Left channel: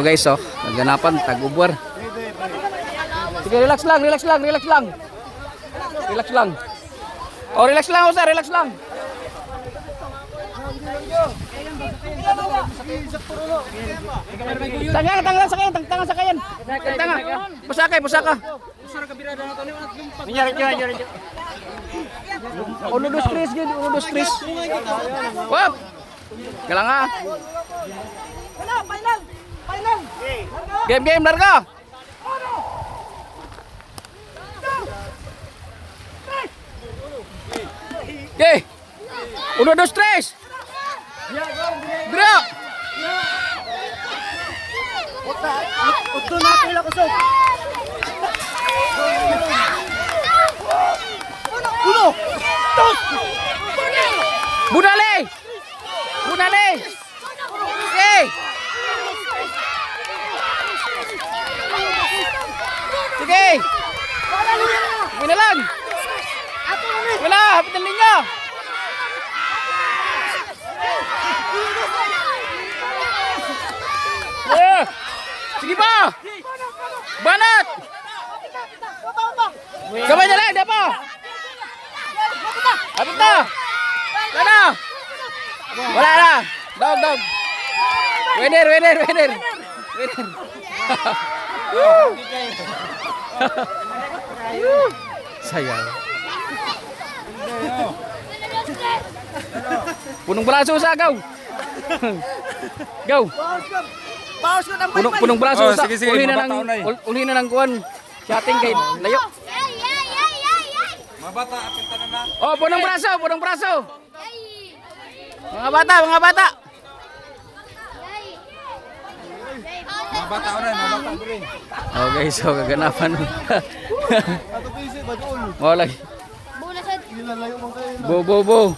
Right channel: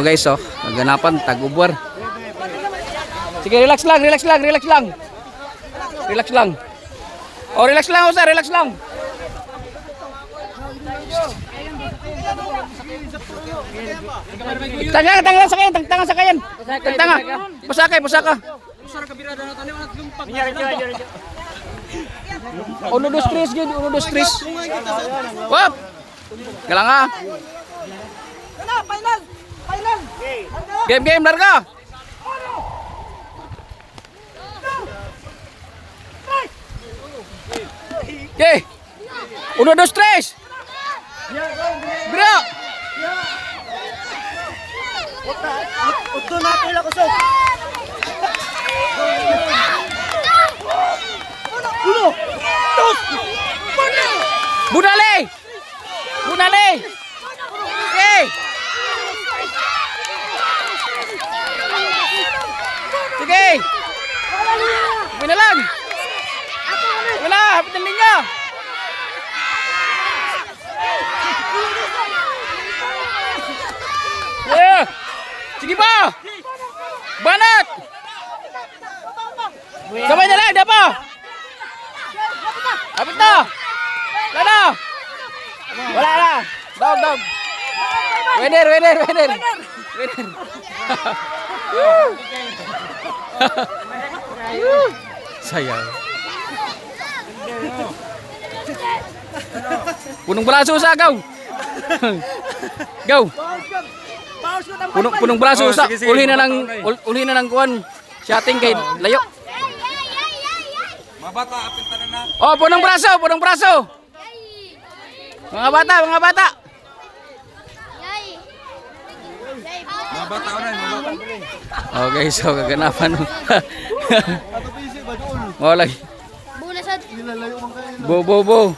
So guys, oh, kaganapan tag-ubwar. Sige, relax lang, relax lang, relax lang. Relax lang. Oh, relax lang, Osa, relax lang. Tangan sakayan. Tanga. Pasaka. Uno, dos, tres, gud. Uno, dos, tres. Wap. Kailang nga. Game, larga. Okay. Uno, dos, tres. Bro. Uto na pila ko, Sok. Uno. Dos. Bunale. Okay. Sige. Wala lang. Wala, hapit ng linya. Yeah. Sige pa. Banat. Sabay na lang, pa. Hapit na. Wala na. Dog. Winner. Sayang. Punong braso sa agaw. Go. Punong braso sa uli na ng kuan. Shotting kay layo. Oh, punong braso. Mga bata. Okay, so kaganapan. Ato pisi ba doon? Mo lagi. Ilalayo man kayo. Bo.